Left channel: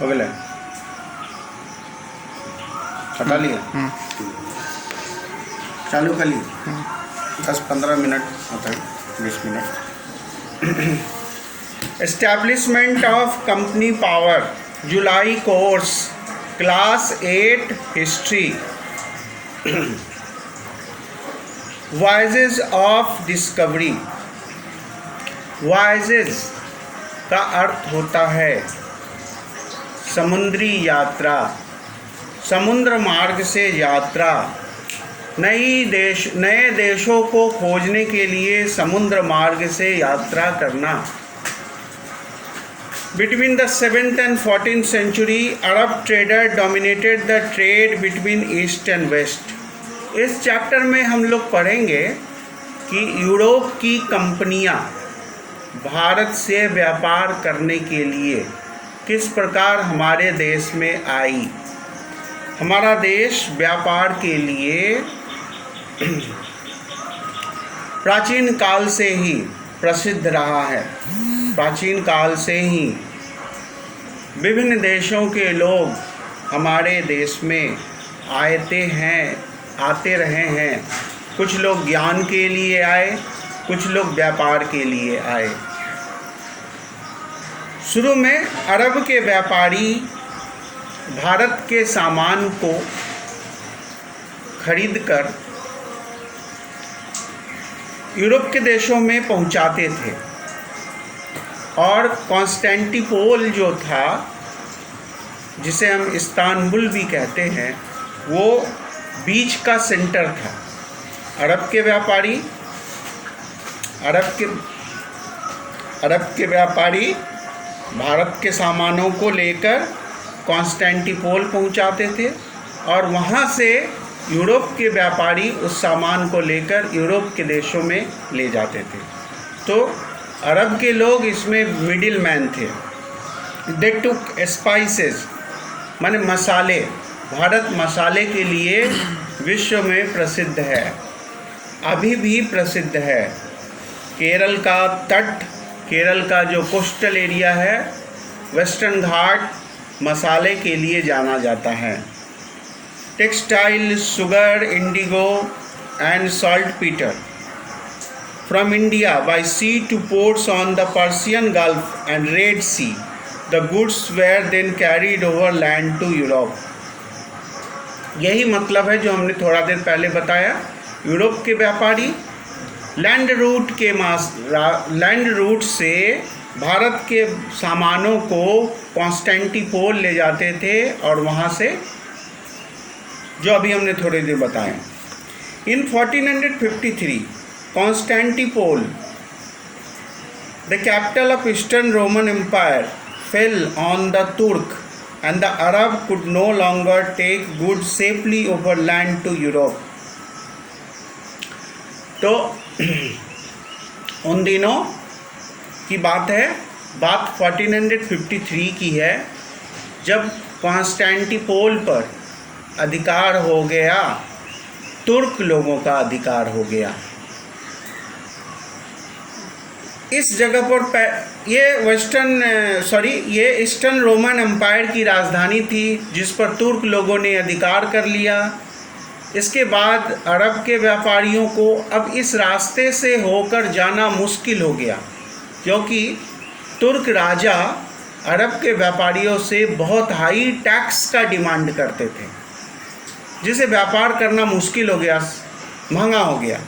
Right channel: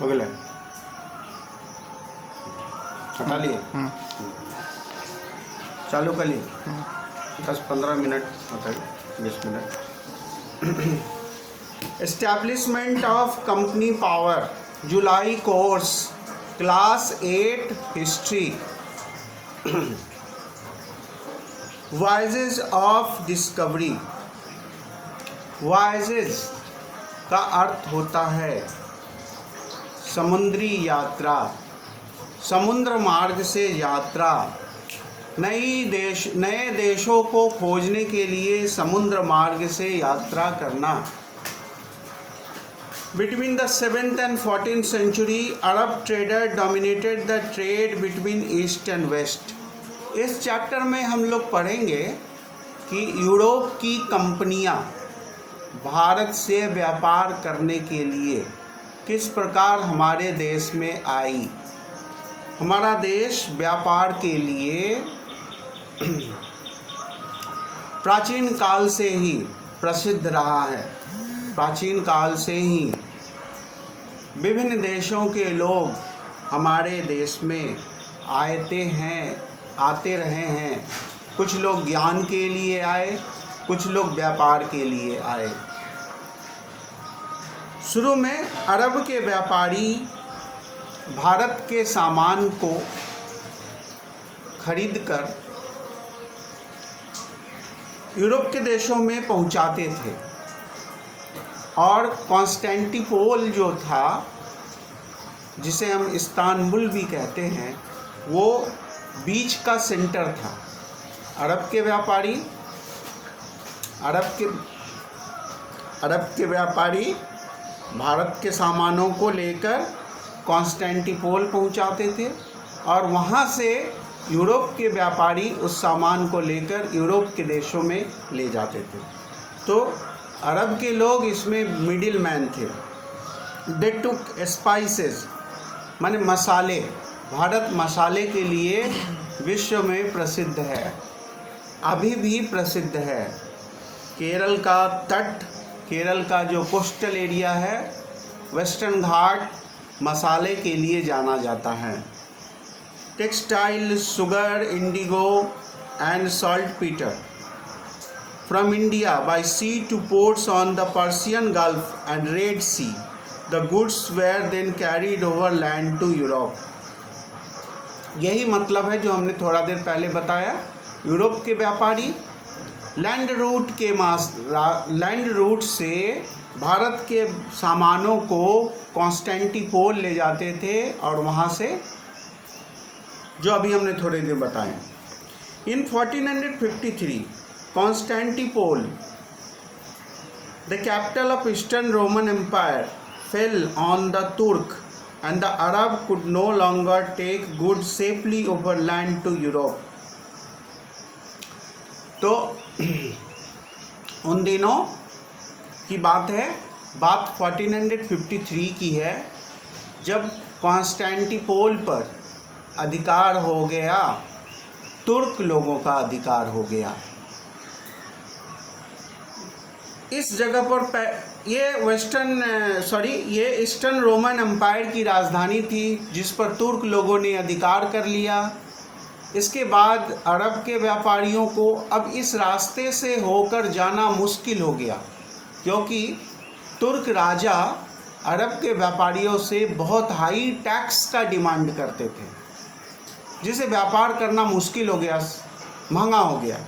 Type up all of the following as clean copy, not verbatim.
हो गया हटा लिया चालू कर लिए 10-15 मिनट होता है 20 minute. Establishment of company power July course class 8 history voyages of discovery. Voyages का अर्थ होता है समुद्री यात्रा, समुद्र मार्ग से यात्रा, नए देशों को खोजने के लिए समुद्र मार्ग से यात्रा करना। Between the 7th and 14th century, Arab trader dominated the trade between East and West. इस चैप्टर में हम लोग पढ़ेंगे कि यूरोप की कंपनियां भारत से व्यापार करने के लिए किस प्रकार हमारे देश में आई। हमारा देश व्यापार के लिए प्राचीन काल से ही प्रसिद्ध रहा है। प्राचीन काल से ही विभिन्न देशों के लोग हमारे देश में आते रहे हैं। कुछ लोग ज्ञान के लिए आए, कुछ लोग व्यापार के लिए आए। शुरू में अरब के व्यापारी भारत के सामान को खरीदकर यूरोप के देशों में पहुंचाते थे और कॉन्स्टेंटिनोपल जो था, जिसे हम इस्तांबुल भी कहते हैं, वो बीच का सेंटर था। अरब के व्यापारी भारत के सामानों को लेकर कॉन्स्टेंटिनोपल पहुंचाते थे और वहाँ से यूरोप के व्यापारी उस सामान को लेकर यूरोप के देशों में ले जाते थे। तो अरब के लोग इसमें मिडिल मैन थे। दे टुक स्पाइसेस माने मसाले। भारत मसाले के लिए विश्व में प्रसिद्ध है, अभी भी प्रसिद्ध है। केरल का तट, केरल का जो कोस्टल एरिया है, वेस्टर्न घाट मसाले के लिए जाना जाता है। Textile, sugar, Indigo and saltpetre from India by sea to ports on the Persian Gulf and Red Sea. The goods were then carried over land to Europe. यही मतलब है जो हमने थोड़ा देर पहले बताया। यूरोप के व्यापारी लैंड रूट से भारत के सामानों को कॉन्स्टेंटिनोपल ले जाते थे और वहाँ से, जो अभी हमने थोड़ी देर बताया। In 1453 Constantinople, the capital of Eastern Roman Empire, fell on the Turk and the Arab could no longer take goods safely over land to Europe. तो उन दिनों की बात है, बात 1453 की है, जब कॉन्स्टेंटिनोपल पर अधिकार हो गया, तुर्क लोगों का अधिकार हो गया। इस जगह पर ये ईस्टर्न रोमन एम्पायर की राजधानी थी, जिस पर तुर्क लोगों ने अधिकार कर लिया। इसके बाद अरब के व्यापारियों को अब इस रास्ते से होकर जाना मुश्किल हो गया, क्योंकि तुर्क राजा अरब के व्यापारियों से बहुत हाई टैक्स का डिमांड करते थे, जिसे व्यापार करना मुश्किल हो गया, महंगा हो गया।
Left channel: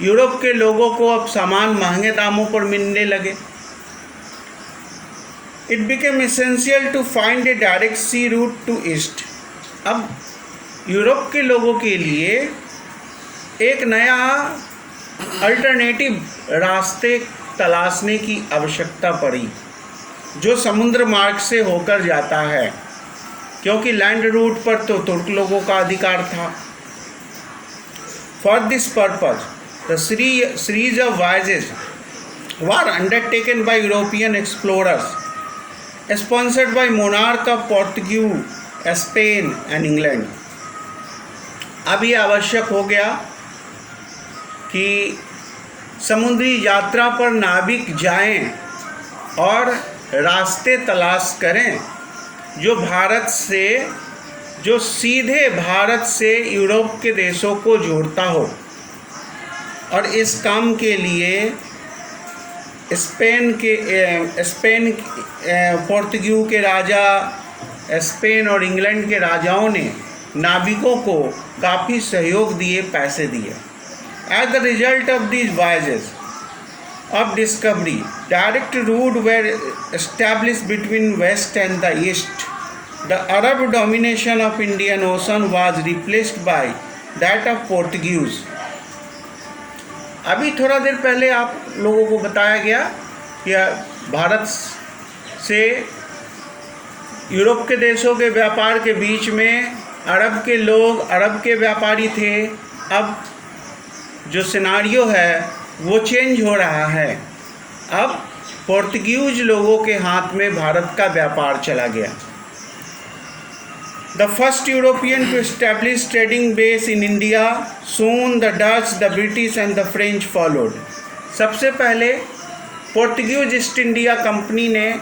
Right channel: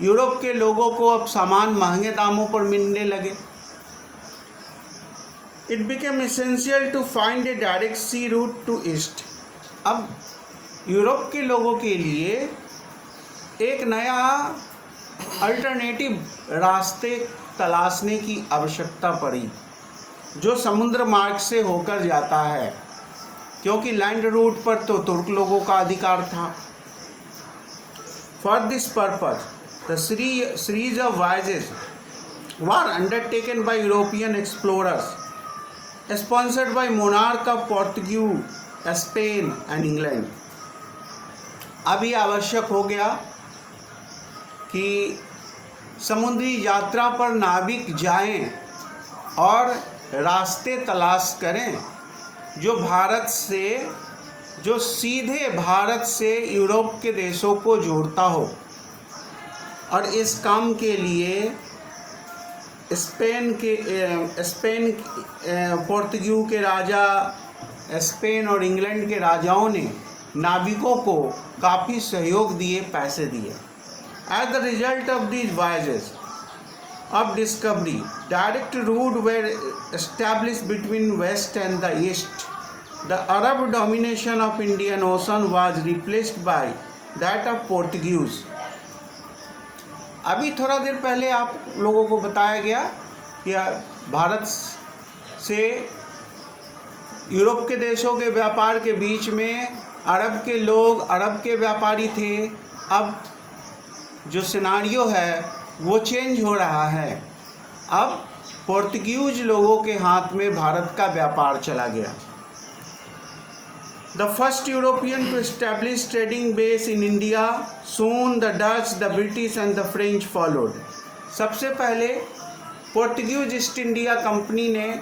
यूरोप के लोगों को अब सामान महंगे दामों पर मिलने लगे। It became essential to find a direct sea route to east. अब यूरोप के लोगों के लिए एक नया अल्टरनेटिव रास्ते तलाशने की आवश्यकता पड़ी, जो समुद्र मार्ग से होकर जाता है, क्योंकि लैंड रूट पर तो तुर्क लोगों का अधिकार था। For this purpose the series of voyages were undertaken by European explorers, sponsored by monarch of Portugal, Spain and England. अब ये आवश्यक हो गया कि समुद्री यात्रा पर नाविक जाएं और रास्ते तलाश करें जो सीधे भारत से यूरोप के देशों को जोड़ता हो। और इस काम के लिए पोर्तुगीज के राजा, स्पेन और इंग्लैंड के राजाओं ने नाविकों को काफ़ी सहयोग दिए, पैसे दिए। As the result of these voyages of discovery, direct route were established between west and the east. The Arab domination of Indian Ocean was replaced by that of Portuguese. अभी थोड़ा देर पहले आप लोगों को बताया गया कि भारत से यूरोप के देशों के व्यापार के बीच में अरब के लोग, अरब के व्यापारी थे। अब जो सिनारियो है वो चेंज हो रहा है। अब पोर्तुगीज लोगों के हाथ में भारत का व्यापार चला गया। The first European to establish trading base in India, soon the Dutch, the British and the French followed. सबसे पहले पोर्तुगीज ईस्ट इंडिया कंपनी ने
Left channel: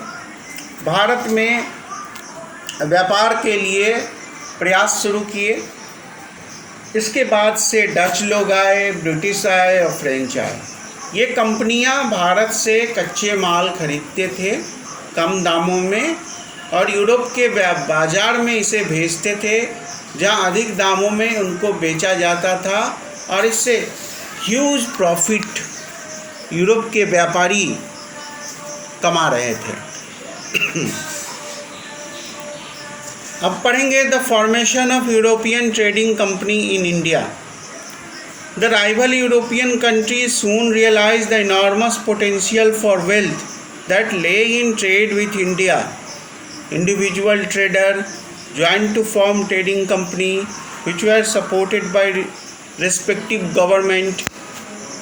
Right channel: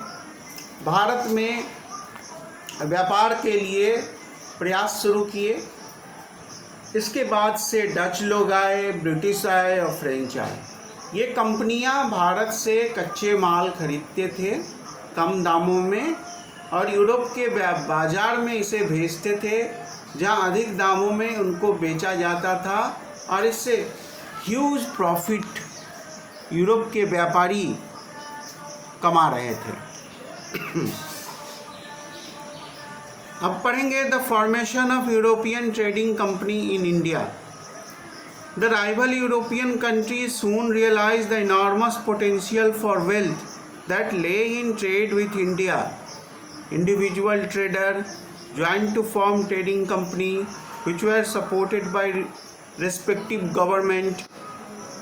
भारत में व्यापार के लिए प्रयास शुरू किए। इसके बाद से डच लोग आए, ब्रिटिश आए और फ्रेंच आए। ये कंपनियां भारत से कच्चे माल खरीदते थे कम दामों में और यूरोप के बाज़ार में इसे भेजते थे, जहां अधिक दामों में उनको बेचा जाता था और इससे ह्यूज प्रॉफिट यूरोप के व्यापारी कमा रहे थे। अब पढ़ेंगे the formation of European trading company in India. The rival European countries soon realize the enormous potential for wealth that lay in trade with India. Individual trader joined to form trading company which were supported by respective government.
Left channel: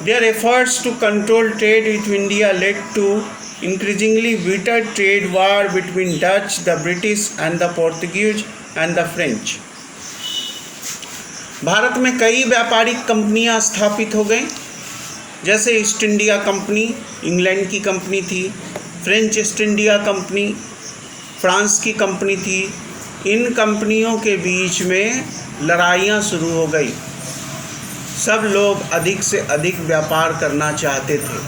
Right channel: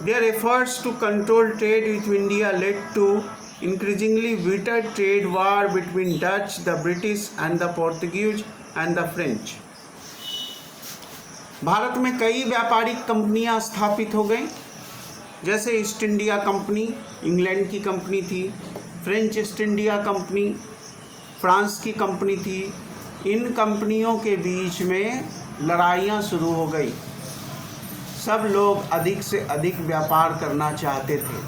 Their efforts to control trade with India led to increasingly bitter trade war between Dutch, the British and the Portuguese and the French. Bharat में कई व्यापारिक कंपनियां स्थापित हो गईं, जैसे east India company England की company थी, French east India company France की कंपनी थी। इन कंपनियों के बीच में लड़ाइयाँ शुरू हो गई। सब लोग अधिक से अधिक व्यापार करना चाहते थे,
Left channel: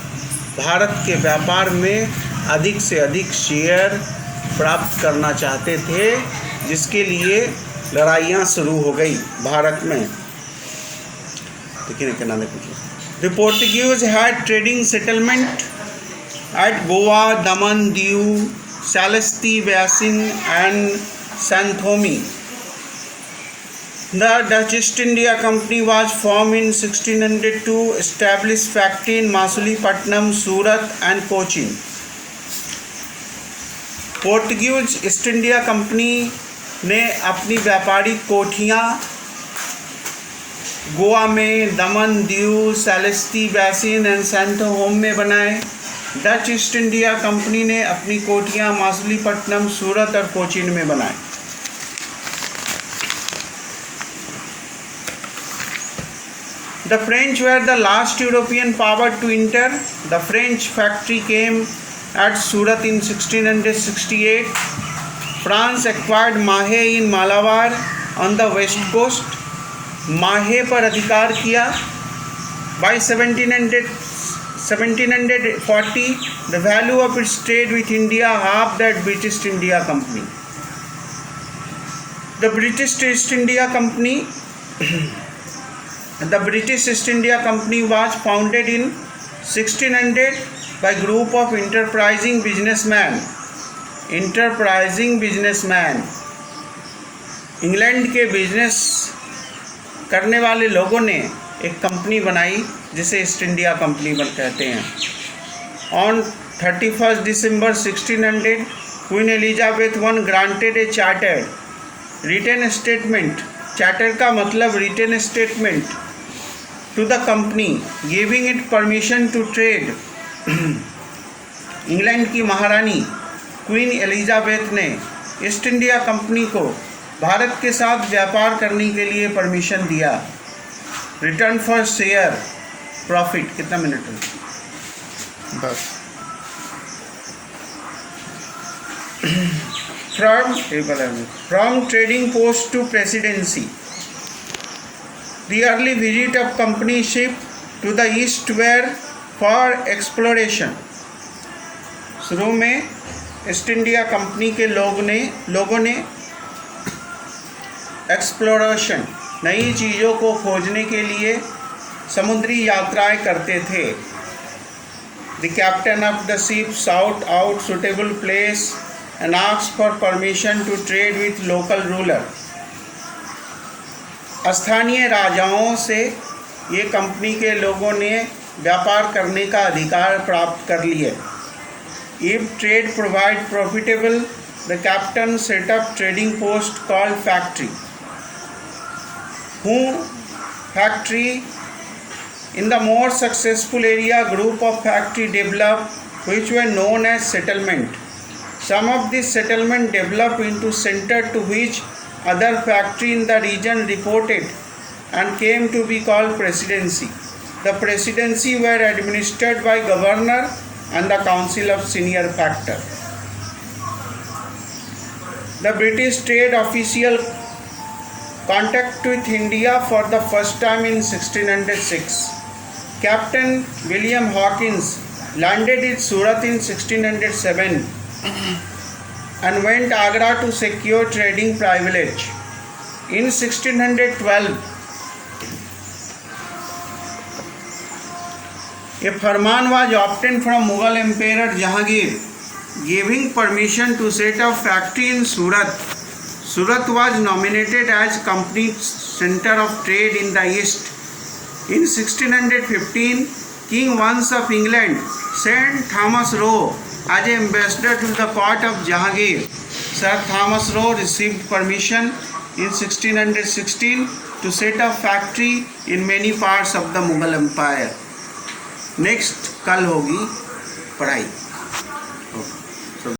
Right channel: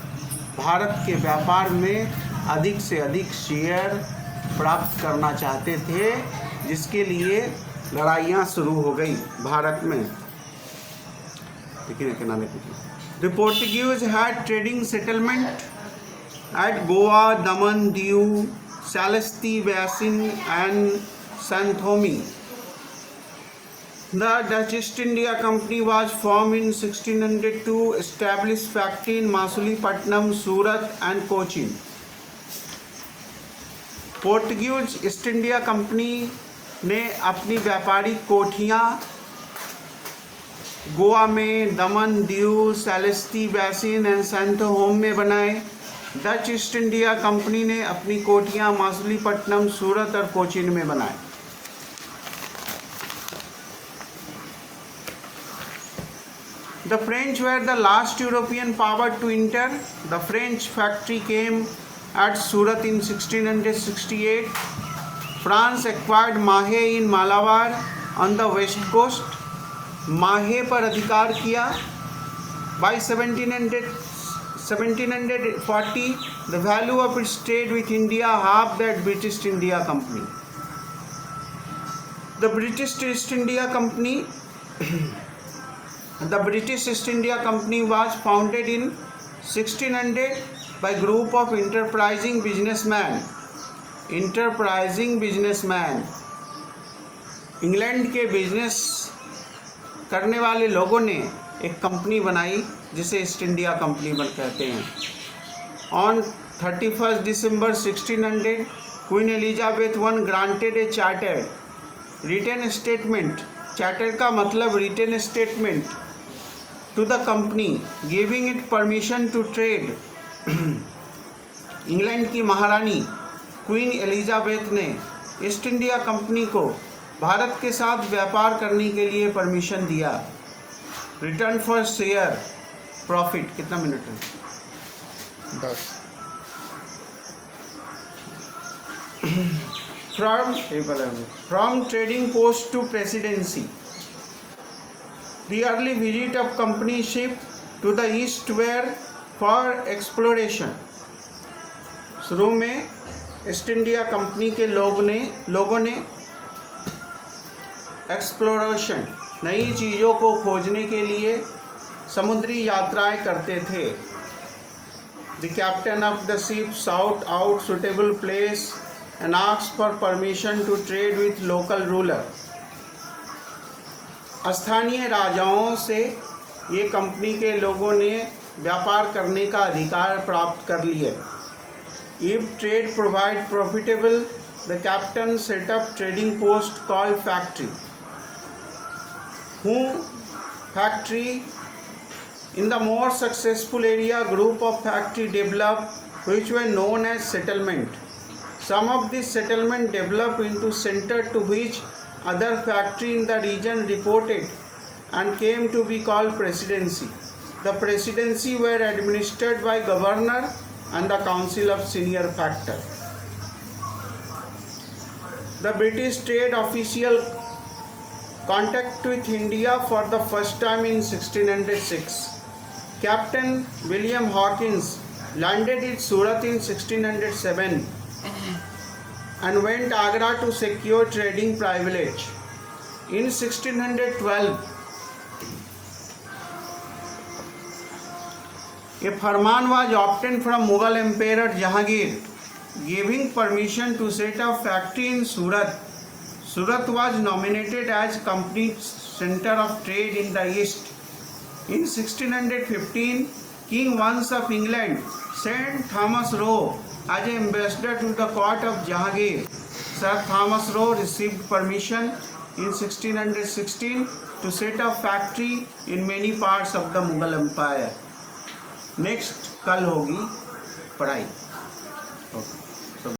भारत के व्यापार में अधिक से अधिक शेयर प्राप्त करना चाहते थे, जिसके लिए लड़ाइयाँ शुरू हो गई भारत में। देखिए क्या देखिए, the Portuguese had trading settlement at Goa, Daman, Diu, Salsette Bassein and San Thome. The Dutch East India Company was formed in 1602, established factory in Masulipatam, Surat and Cochin. Portuguese east India company ने अपनी व्यापारिक कोठियाँ गोवा में, दमन, दीव, सालेस्ती बेसिन एंड सैंथोम में बनाए। डच ईस्ट इंडिया कंपनी ने अपनी कोठियाँ मछलीपट्टनम, सूरत और कोचीन में बनाए। The French were the last European power to enter. The French factory came at Surat in 1668. France acquired Mahe in Malabar on the west coast. Mahe पर अधिकार किया। By 1740, the value of its trade with India halved that British India Company. The British East India Company The British East India Company was founded in 1600 by a group of enterprising businessmen. England के business करने वाले लोगों ने एक company बनाई जिसे east India company कहते हैं। On 31 December 1600, queen Elizabeth one granted a charter written statement. Charter का मतलब written statement to the company, giving it permission to trade. England की महारानी क्वीन एलिजाबेथ ने ईस्ट इंडिया कंपनी को भारत के साथ व्यापार करने के लिए परमिशन दिया। Return for share profit. कितना मिनट है? बस। from trading post to presidency. The early visit of company ship to the east were for exploration. शुरू में ईस्ट इंडिया कंपनी के लोगों ने एक्सप्लोरेशन, नई चीज़ों को खोजने के लिए समुद्री यात्राएं करते थे. The captain of the ship sought out suitable place and asked for permission to trade with local ruler. स्थानीय राजाओं से ये कंपनी के लोगों ने व्यापार करने का अधिकार प्राप्त कर लिए. If trade provide profitable, the captain set up trading post called factory. Factory in the more successful area, group of factory developed which were known as settlement. Some of this settlement developed into center to which other factory in the region reported and came to be called presidency. The presidency were administered by governor and the council of senior factor. The British trade official contact with India for the first time in 1606. Captain William Hawkins landed in Surat in 1607 and went Agra to secure trading privilege. In 1612, a farman was obtained from Mughal Emperor Jahangir, giving permission to set up factory in Surat. Surat was nominated as company center of trade in the east. In 1615, King Vance of England sent Thomas Roe as ambassador to the court of Jahangir. Sir Thomas Roe received permission in 1616 to set up factory in many parts of the Mughal Empire. Next कल होगी पढ़ाई.